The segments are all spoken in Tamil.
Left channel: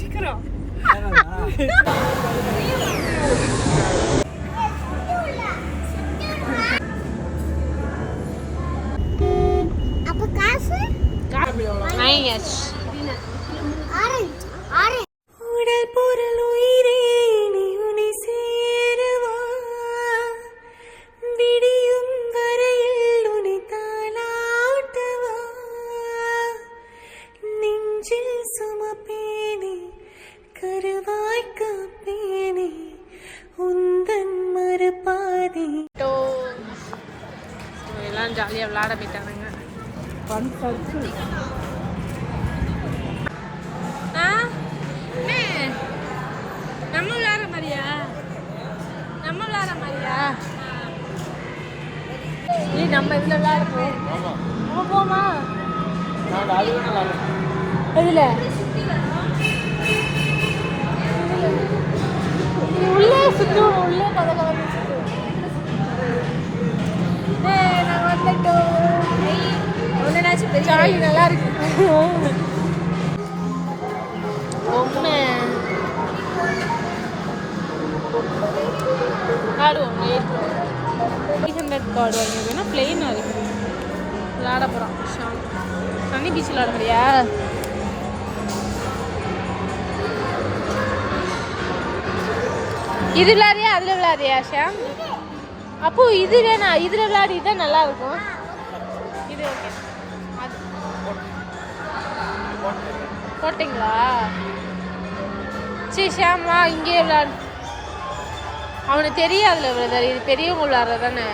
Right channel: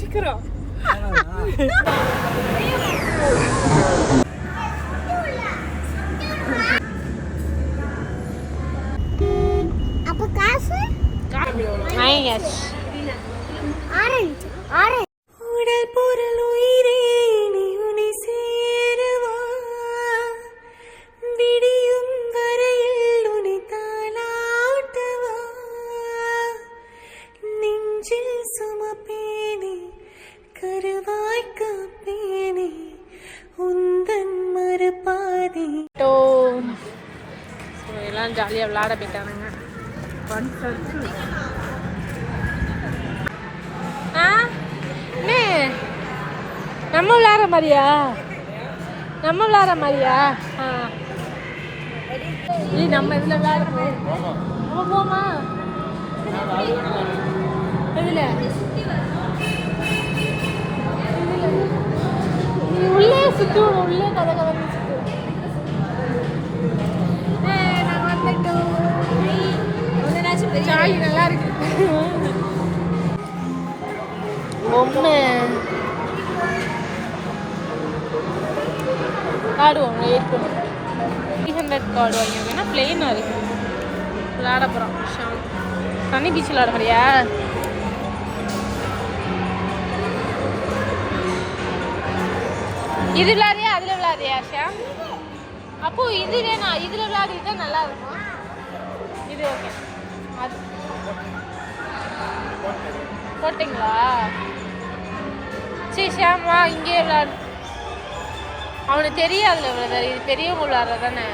சீக்கிரம் அப்ப காசு ஆரஞ்சு ஆரஞ்சு உடல் பொருள் உயிரே நீ உன்னை சேரவா விடியும் வரையில் உன்னை தாளாட்டவா நெஞ்சில் சுமப்பேனே கருவாய் காப்பேனே உந்தன் மறுபாதி எல்லாம் ஜாலியாக விளையாட போயிட்டானுங்க. நம்ம விளையாடுற மாதிரியா நம்ம இதில் விளையாடுறோம். நம்ம போமா எதில் உள்ளே சுற்றுவோம். உள்ளே பதக்கலன்னு சுற்றுவோம். நாங்கள் வந்துட்டோம். ஜாலி நல்லா இருக்கு. பொம்மை ஆடுவோம். 800 கார்டு வாங்கினா பிளெயினாக இருக்குது. விளையாட போகிறோம். தண்ணி பீச் விளையாட மாதிரியா? இது விளையாடியா அதில் விளையாடியா ஷாம்? அப்போ இது வேணா, இதில் விளையாடி தான் நல்லா இருக்கும். இது ஓகே. அது போட்டிங்களா? சரி ஷாம் வா இங்கேயே விளையாடு. அவனுக்கு தெரியாதுல்ல பிரதர், இது பெரியவங்க விளையாடுறது தானே.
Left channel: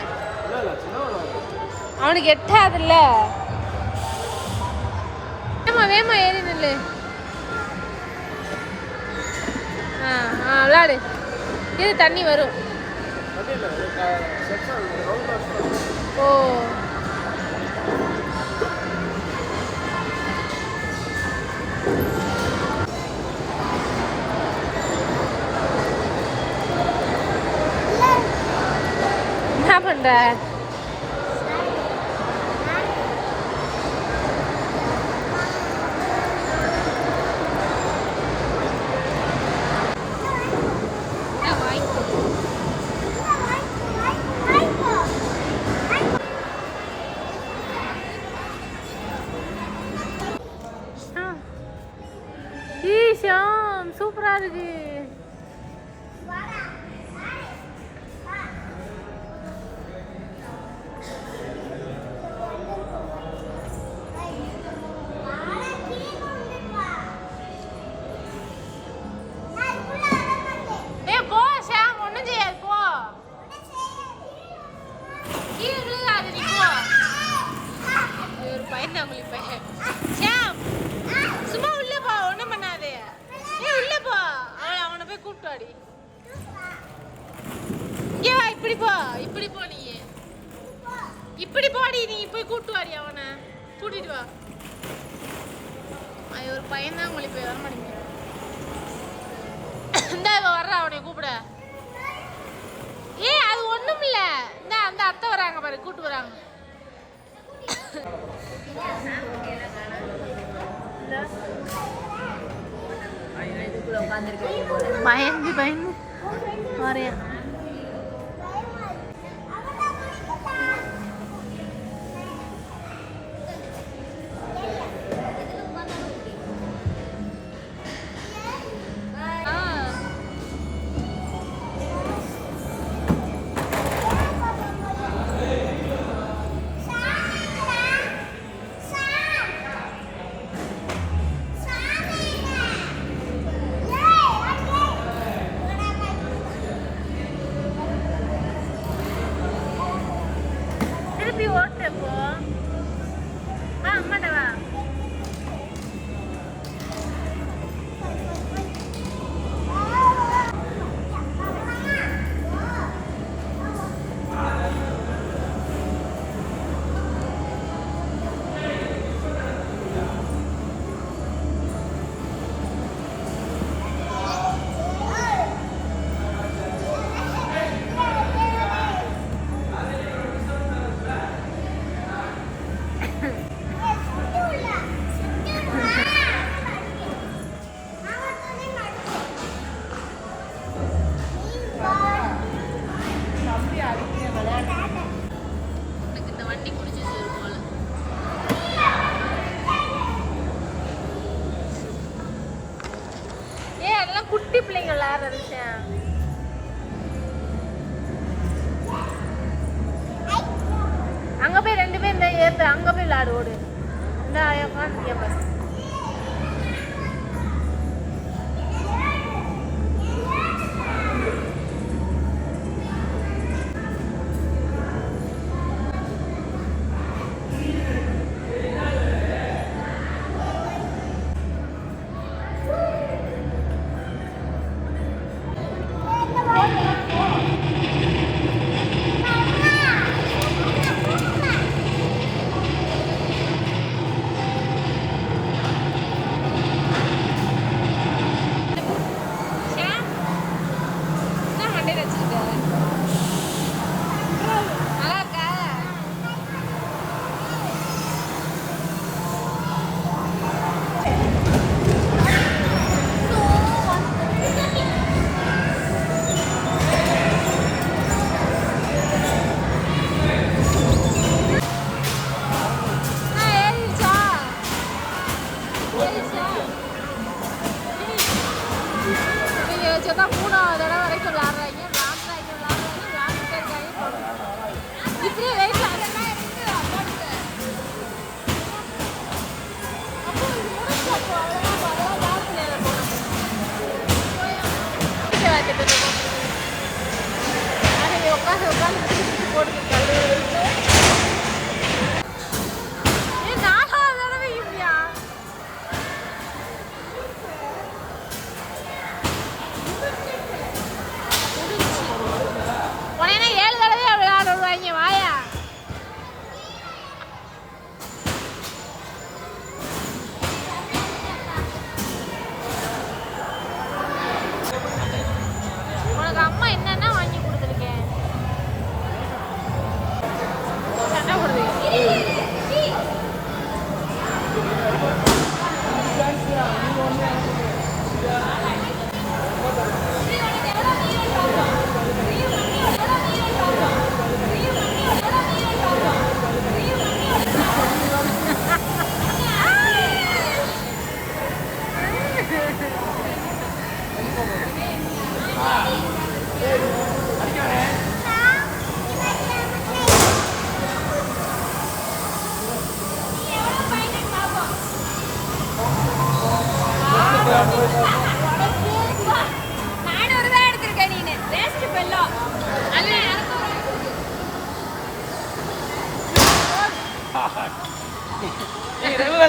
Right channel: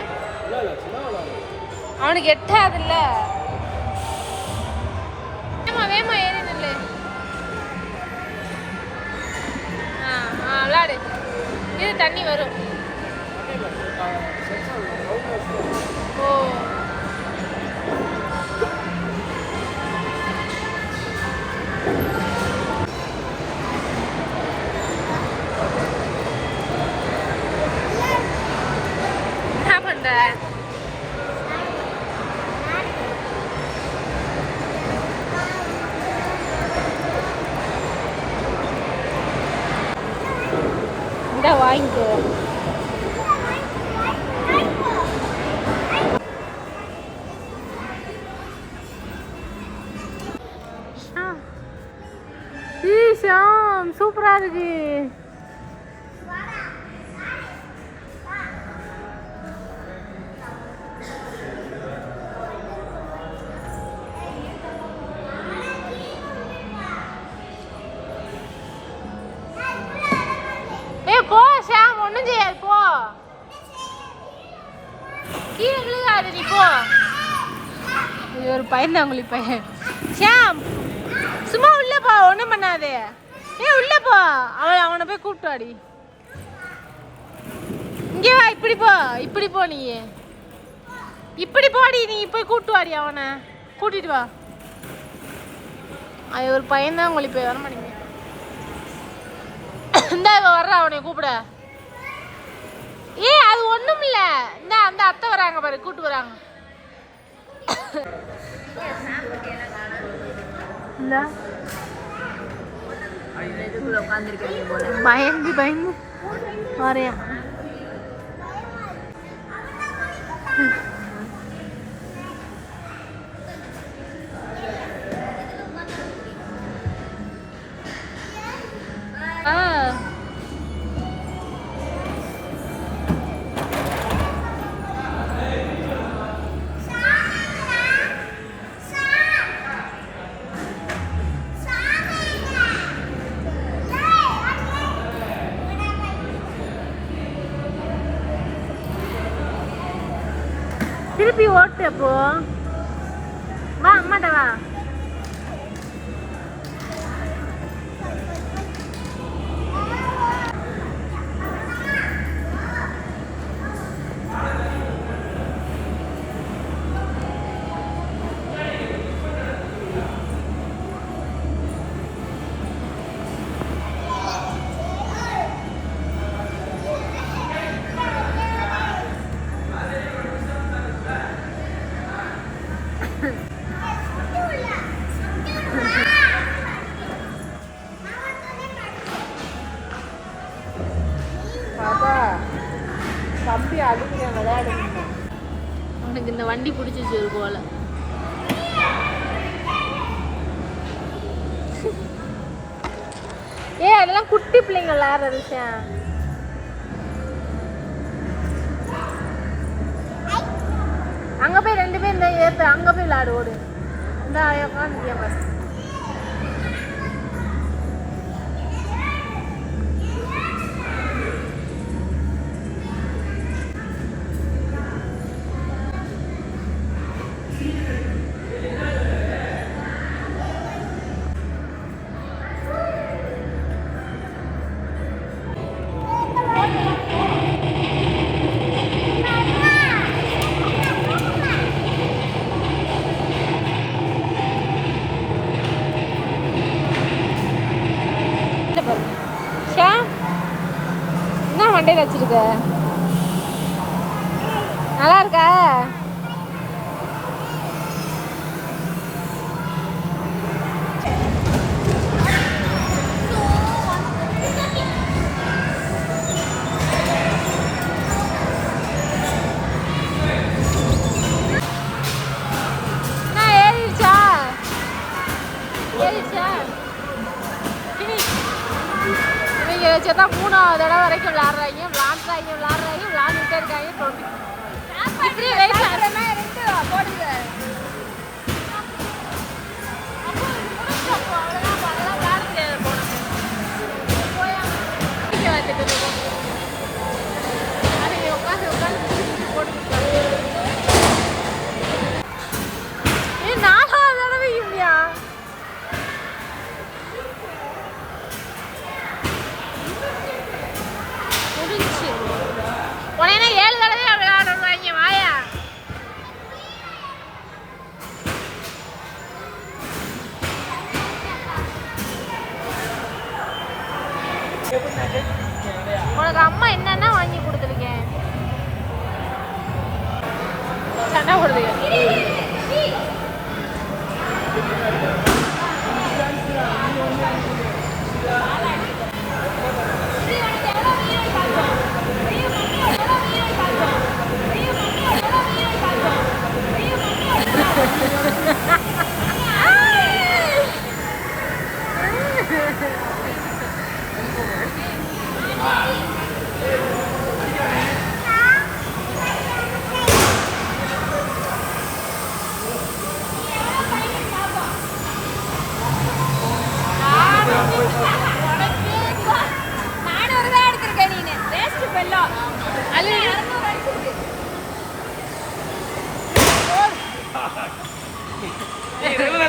அவனுக்கு எட்டாதுல்ல. வேமா ஏறி நில்லு. விளையாடு. இது தண்ணி வரும். ஓ என்ன பண்ற? இந்த வாங்கிக்கோ. ஷாம் சூப்பரா இருக்கு. போ ஷாம், ஒண்ணும் செய்யாது. போ கீழே விழுகாது. நீ போ. ஒரு பையன் தான் உங்களுக்கு பையன். ஷாம் சும்மா உள்ள போ, ஒண்ணும் பண்ணாதே. உள்ள போ. அவனை போய் கூப்பிட்டு வாடி. இங்கே வா. இப்படி போ, இப்படி போ. நீ இப்படி போடி. நீ போய் கூப்பிட்டு வாடி. அவனை கூட்டிட்டு வா. அது ஒரு பையன் தான் உங்களுக்கு வர மாட்டேங்க. இந்த வர்ற அவனை கூப்பிட. அது ஒண்ணும் இல்ல. இந்த அந்த அத்தை வராங்க பாரு, கூப்பிட்டு வராங்க. பயந்து பயந்து வரையா. திருப்பி ஓட்டு. அப்போ வா அம்மாட்ட வா. வண்டி பிடிச்சி வச்சிருக்கோம் போல. அதெல்லாம் குட்டி பிள்ளைங்க விளையாடுற விஷயம். அங்க போய் 2 பேர் இந்த ஏத்து அங்க போய் விளையாடு ஓடு. இந்த உட்காந்து பஸ் மண்டையில் வச்சிருக்க. நல்லா இருக்கா? தான் 3வது தடவை வரைக்கும் விளாடுறாங்க, விளாண்டுட்டே இருக்காங்க. இப்படியே வெயிட் உட்காந்து போட்டுருக்காங்க. 4வது தடவை இல்லையா? உடனே 7 தடவை விளையாடுவாங்க. வாயா உனக்கு அம்மா என்னன்னா வாங்கி கொடுத்துருக்கேன். சண்டை போடுது.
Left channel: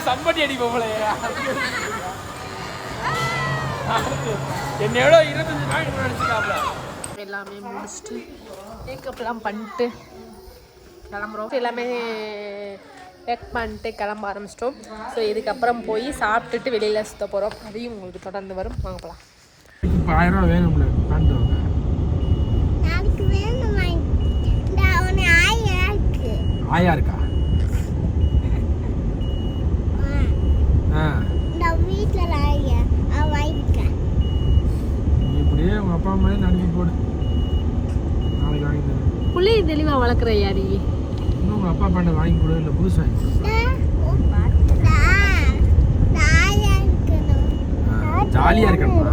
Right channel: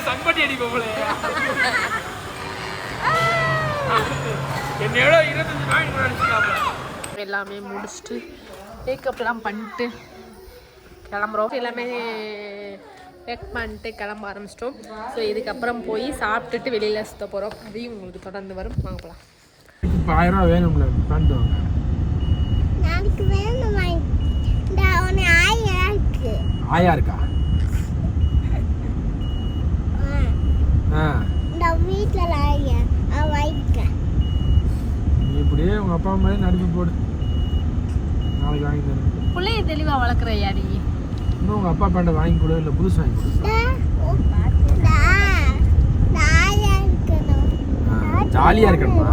சம்பட்டி அடி போல எல்லாமே முடிச்சுட்டு மேக்கப்லாம் பண்ணிட்டு கிளம்புறோம். எல்லாமே பேக் பண்ணிட்டு கிளம்ப ஆரம்பிச்சிட்டோம். ஸோ இதுக்கப்புறம் போய் சாப்பிட்டுட்டு வெளியில் சுற்ற போகிறோம். அதையும் உங்களுக்கு தொடர்ந்து வரும். வாங்க போகலாம். இப்போ 1000 ரூபா வேணும்ல பண்ணிட்டு நாளைக்கு வேணும். ஆயா இருக்கா? வீட்டில் இப்படியே உங்க அப்பா அம்மா நடிப்பு போடு. நாளைக்கு வாங்கி தரேன். பிள்ளைய தெளிவாக வளர்க்குறையா நீ? இன்னும் உங்க அப்பா பாண்ட வாங்கி கொடு, இல்லை புதுசு வாங்கி கொடு. ஜாலியா இருக்கணுமா?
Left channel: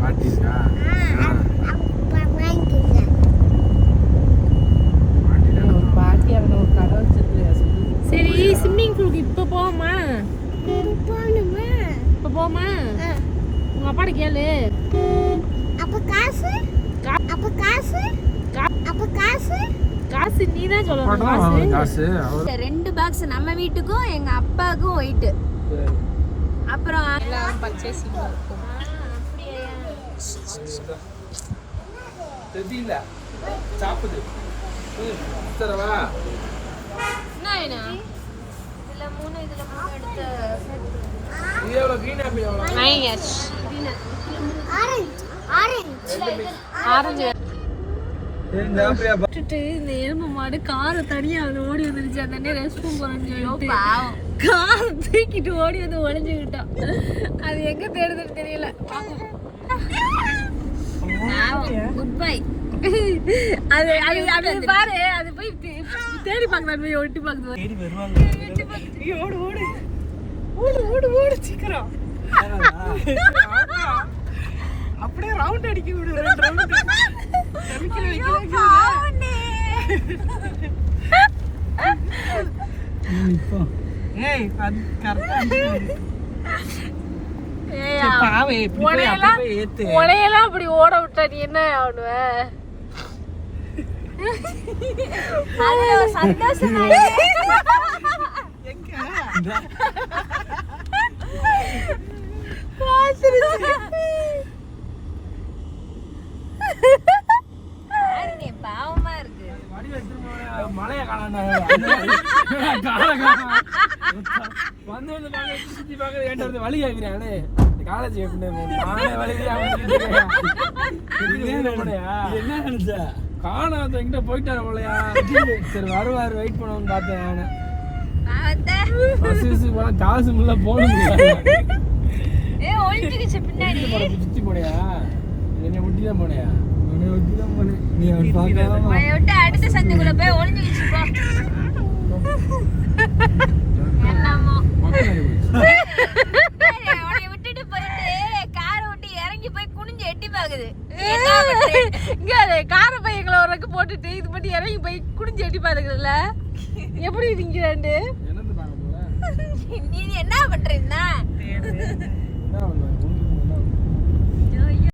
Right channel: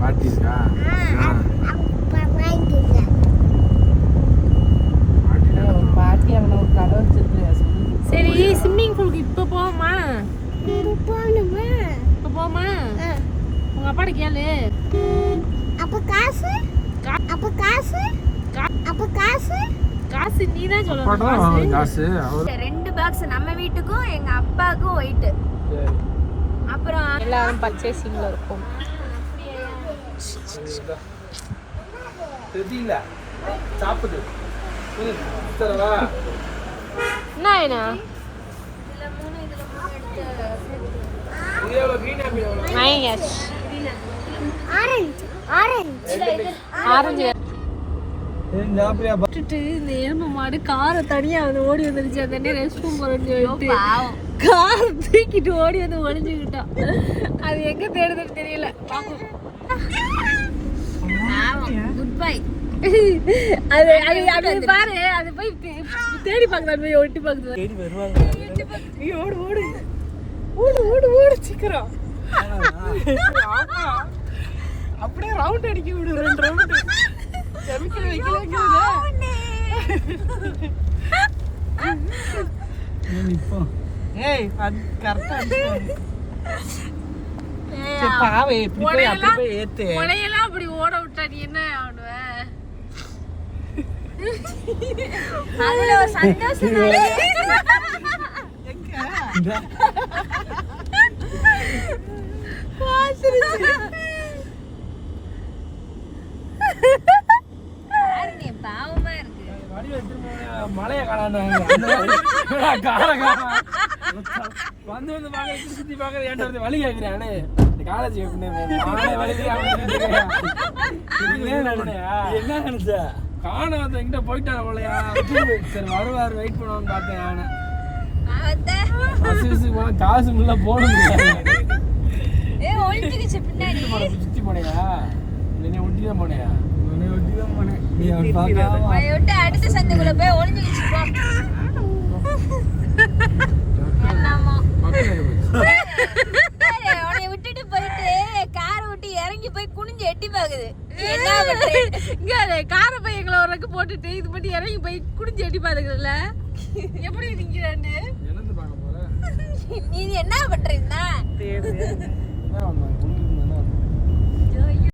பாட்டி இருக்கா? சரி, ஸ்விம்மிங் பூலுக்கு இப்போ போவோமா? இப்போ போவோமா? உங்க அப்பாட்ட கேளு. காசு நீ தான் சொல்லணும். காசு 2 பாக்ஸ் நம்ம வீட்டுக்கும் எங்க அப்பாவுக்கும் ஒயிட். அப்புறம் எல்லாரும் பர்ச்சேசிங்ல இருக்கும். தெரியல சாப்பிடு. தரவா என்ன இதுல 3 எடுத்து இது எவ்வளவு? கிரீன் ஆப்பிள் எவ்வளவு? ஆரஞ்சு இந்த ஆப்பிள் விட்டுட்டு இந்த எறும்பு மாடு காரை தனியா வந்து ஓடி வந்துருச்சு. அந்த ரெஸ்ட் ரூம் போறேன்னு சொல்லிட்டு கார் தூக்கிட்டு ஓடி வந்து ஒளிஞ்சுக்கிட்டோம். அது எங்க தேடுதுன்னு தெரியல. பாப்போம். Good bye. அது அது அது பாரு அது போய் தேடி பார்க்கலாம் போய் ஒட்டி பார்க்குது தேடி வருவாங்க ஓடு ஓடு ஓடு ஓடு ஓடு சீக்கிரம் அப்படியே ரவுண்ட் அடிக்க விடு 2 ரவுண்ட் இப்போ ஏய் அது கரெக்டா பாவே இப்படி ஏத்து உனையெல்லாம் அப்படி ஓட விட்டா நீ என்ன ஆடுவ அது சந்தோஷம் பாவமா இருக்கு மழைய காணாண்டாங்க வந்து சுத்தி பாக்குறது ஏன்டா வந்து வழி கேட்கிறானே காலேஜ் நானே வழி என்ன நினைச்ச காணாத எங்கிட்ட போயிட்டாரு போலையா சரி வருவாரு வெயிட் பண்ணுவான்னு பார்த்தேன் நானே போனா காசு முள்ள போட முடியாது சுத்தி போனையா என்னை ஒட்டி தான் போனையா உன்னை ஒட்டி தான் போனேன் நீ அவன் பார்க்காம விட்டு அடுத்த சந்தைக்குள்ள போய் ஒளிஞ்சுக்கிச்சு அவனை விட்டுட்டு போயிட்டு காரை விட்டு இறங்கி போய் குனிஞ்சு எட்டி பாக்குது இங்க கார பையங்களை ஒரு போட்டுட்டு இது மட்டும் இறங்கி போய் குடிஞ்சு எட்டி பாருங்கல்ல எப்படி நீங்க என்னது பார்க்க போற நீ என்ன பண்றீங்கன்னா என்ன